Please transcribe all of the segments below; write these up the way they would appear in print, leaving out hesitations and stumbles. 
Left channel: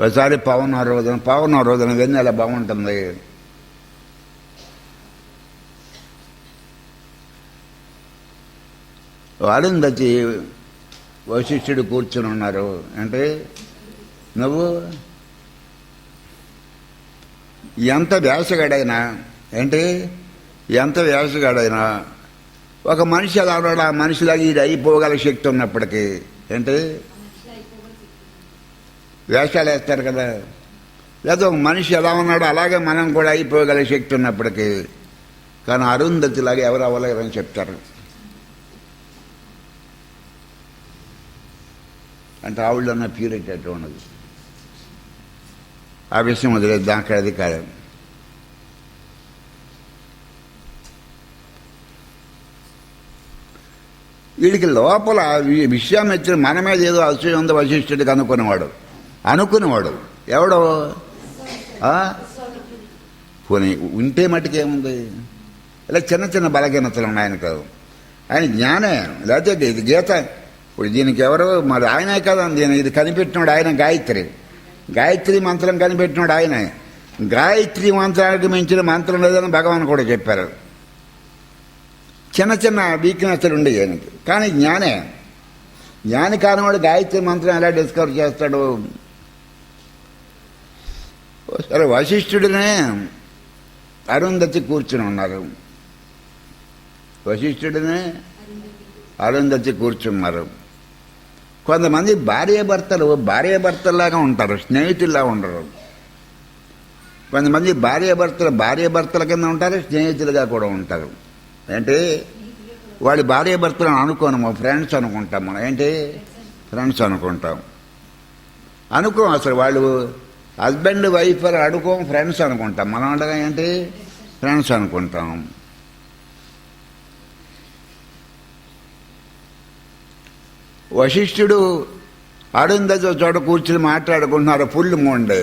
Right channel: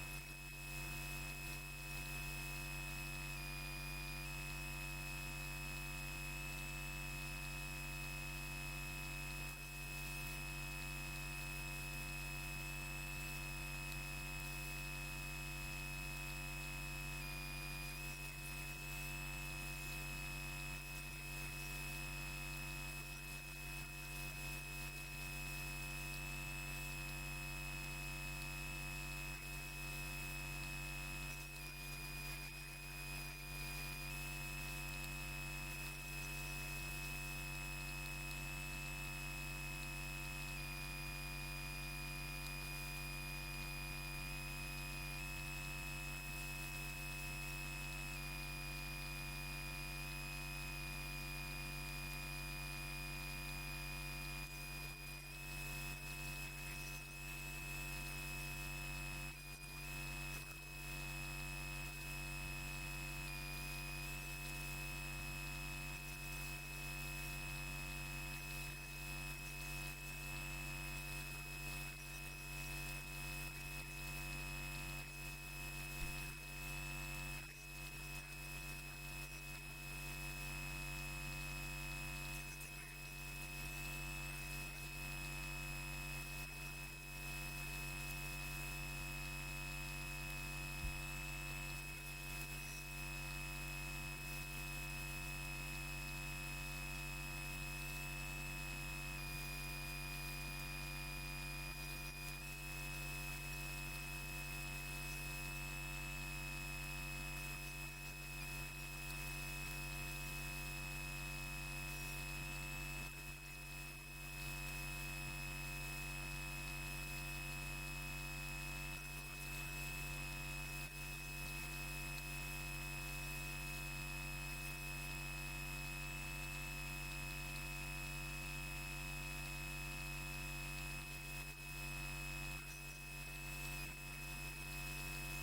ఒకసారి పౌర్ణమి రోజున వెన్నెల బాగుంటుంది. అరుంధతి వశిష్ఠుడు కూర్చుని ఉన్నారు. అంటే నువ్వు ఎంత వేసగాడైనా ఒక మనిషి ఎలా ఉన్నాడు, ఆ మనిషిలాగా ఇది అయిపోగల శక్తి ఉన్నప్పటికీ వేషాలు వేస్తారు కదా, లేదా ఒక మనిషి ఎలా ఉన్నాడో అలాగే మనం కూడా అయిపోగల శక్తి ఉన్నప్పటికీ కానీ అరుంధతిలాగా ఎవరు అవ్వలేరని చెప్తారు. అంటే ఆవిడ ఉన్న ప్యూరిటీ అట్లా ఉన్నది. ఆ విషయం వదిలేదు, దానికి అది కాదు. వీడికి లోపల విశ్వామిత్రుడు మన మీద ఏదో అసూయ ఉంది వశిష్ఠుడికి అనుకునేవాడు ఎవడో పోనీ ఉంటే మటుకేముంది. ఇలా చిన్న చిన్న బలహీనతలు ఉన్నాయి ఆయనకు. ఆయన జ్ఞానే, లేకపోతే ఇది గీత. ఇప్పుడు దీనికి ఎవరో మరి ఆయనే కదా, ఇది కనిపెట్టినాడు ఆయన. గాయత్రి మంత్రం కనిపెట్టినాడు ఆయన. గాయత్రి మంత్రానికి మించిన మంత్రం లేదని భగవాన్ కూడా చెప్పారు. చిన్న చిన్న వీక్నెస్లు ఉండేవి ఆయనకి, కానీ జ్ఞాని కానివాడు గాయత్రి మంత్రం ఎలా డిస్కవర్ చేస్తాడు. సరే, వశిష్ఠుడినే అరుంధతి కూర్చుని ఉన్నారు. కొంతమంది భార్యాభర్తల్లాగా ఉంటారు, స్నేహితుల్లా ఉండరు. కొంతమంది భార్యాభర్తల కింద ఉంటారు, స్నేహితులుగా కూడా ఉంటారు. అంటే వాడి భార్యాభర్తలను అనుకోను, ఫ్రెండ్స్ అనుకుంటాం మనం. ఫ్రెండ్స్ అనుకుంటాం. అసలు వాళ్ళు హస్బెండ్ వైఫ్ అనుకోం, ఫ్రెండ్స్ అనుకుంటాం. మనం ఉండగా ఫ్రెండ్స్ అనుకుంటాం. వశిష్ఠుడు అరుంధతి చోట కూర్చుని మాట్లాడుకుంటున్నారు. ఫుల్ మూండే.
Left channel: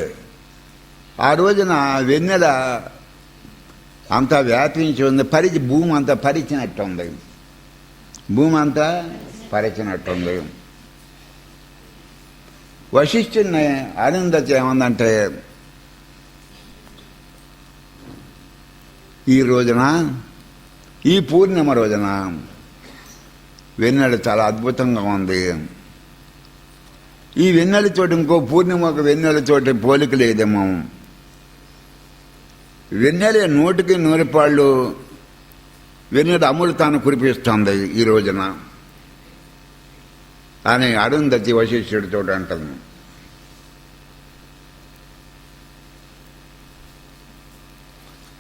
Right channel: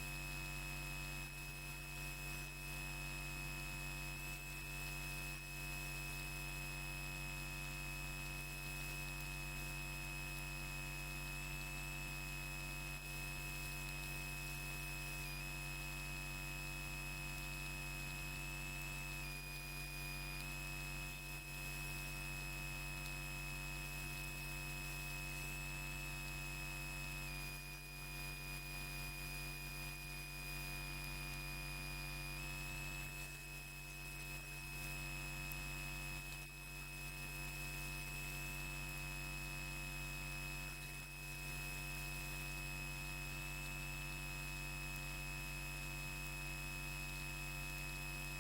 ఆ రోజున వెన్నెల అంతా వ్యాపించి ఉంది. భూమి అంతా పరిచినట్టుంది. వశిష్ఠుడిని అరుంధతి ఏమందంటే, ఈ పూర్ణిమ రోజున వెన్నెల చాలా అద్భుతంగా ఉంది. ఈ వెన్నెలతోటి ఇంకో పూర్ణిమకు వెన్నెలతోటి పోలిక లేదేమో. వెన్నెల 100కి 100 పాళ్ళు వెన్నెల అమృతాన్ని కురిపిస్తుంది ఈ రోజున అని అరుంధతి వశిష్ఠుడితో అంటుంది.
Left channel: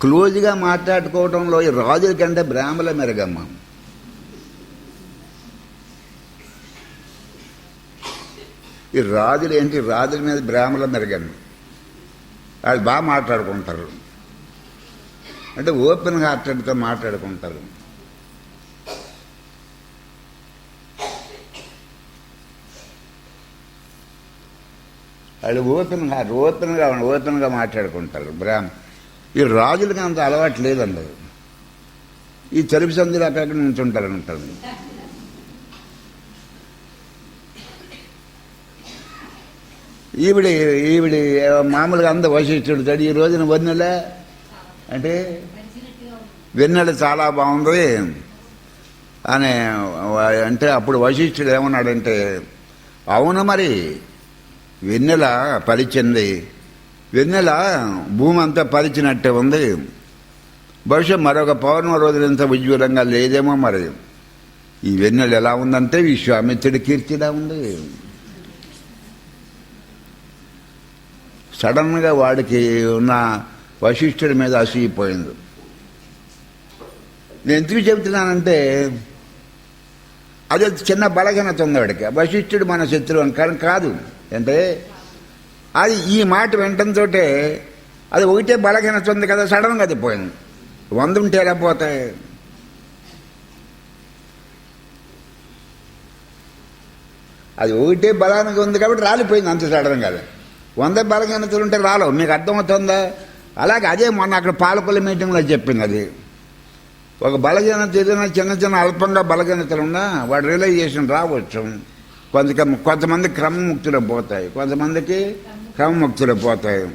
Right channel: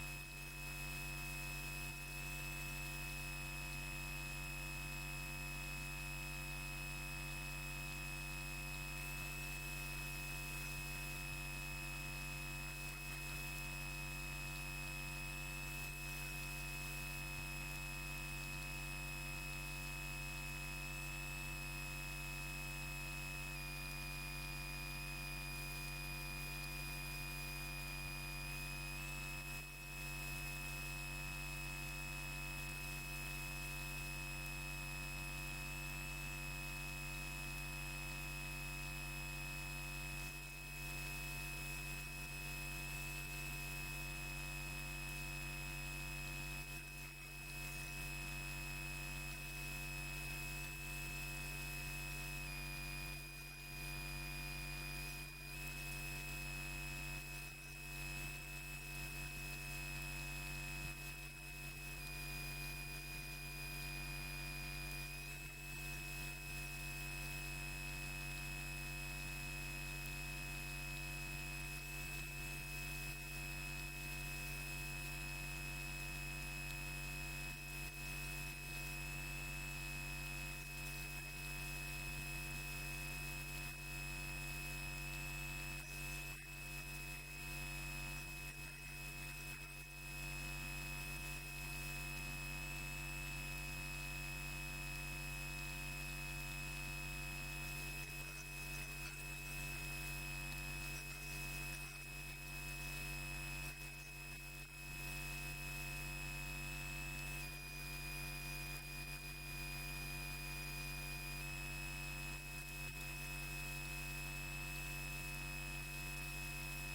క్లోజ్గా మాట్లాడుకోవడంలో ఈ రాజుల కంటే బ్రాహ్మల మెరుగమ్మ. ఈ రాజుల మీద బ్రాహ్మల మెరుగండి. వాళ్ళు బాగా మాట్లాడుకుంటారు. అంటే ఓపెన్ హార్టెడ్తో మాట్లాడుకుంటారు. వాళ్ళు ఓపెన్గా మాట్లాడుకుంటారు. ఈ రాజులకి అంత అలవాటు లేదండి. ఈ చెరుపు సందులు అక్కడికి నుంచి ఉంటారు. ఈవిడి మామూలుగా అంత వశిష్ఠుడు ఈ రోజున వెన్నెల చాలా బాగుంది అని అప్పుడు వశిష్ఠుడు ఏమన్నాడంటే, అవును మరి వెన్నెల పరిచింది, వెన్నెల భూమి అంతా పరిచినట్టే ఉంది. బహుశా మరొక పౌర్ణమి రోజులంత ఉజ్వలంగా లేదేమో. మరి ఈ వెన్నెల ఎలా ఉందంటే విశ్వామిత్రుడి కీర్తిలా ఉంది. సడన్గా వాడికి ఉన్న వశిష్ఠుడి మీద అసూయిపోయింది. నేను ఎందుకు చెబుతున్నానంటే అది చిన్న బలహీనత ఉంది వాడికి. వశిష్ఠుడు మన శత్రువు అని కాదు. అది ఈ మాట వినటంతో అది ఒకటే బలహీనత ఉంది కదా, సడన్గా అది పోయింది. 100 ఉంటే ఎలా పోతాయి? అది ఒకటే బలానికి ఉంది కాబట్టి రాలిపోయింది అంత సడన్గా. 100 బలహీనతలు ఉంటే రాలవు. మీకు అర్థమవుతుందా? అలాగే అదే మొన్న అక్కడ పాలకొల్లు మీటింగ్లో చెప్పింది. అది ఒక బలహీనత ఏదైనా చిన్న అల్పంగా బలహీనతలు ఉన్నా వాడు రియలైజేషన్ రావచ్చు. కొంతమంది క్రమముక్తిలో పోతాయి, కొంతమందికి కామముక్తులు పోతాయి.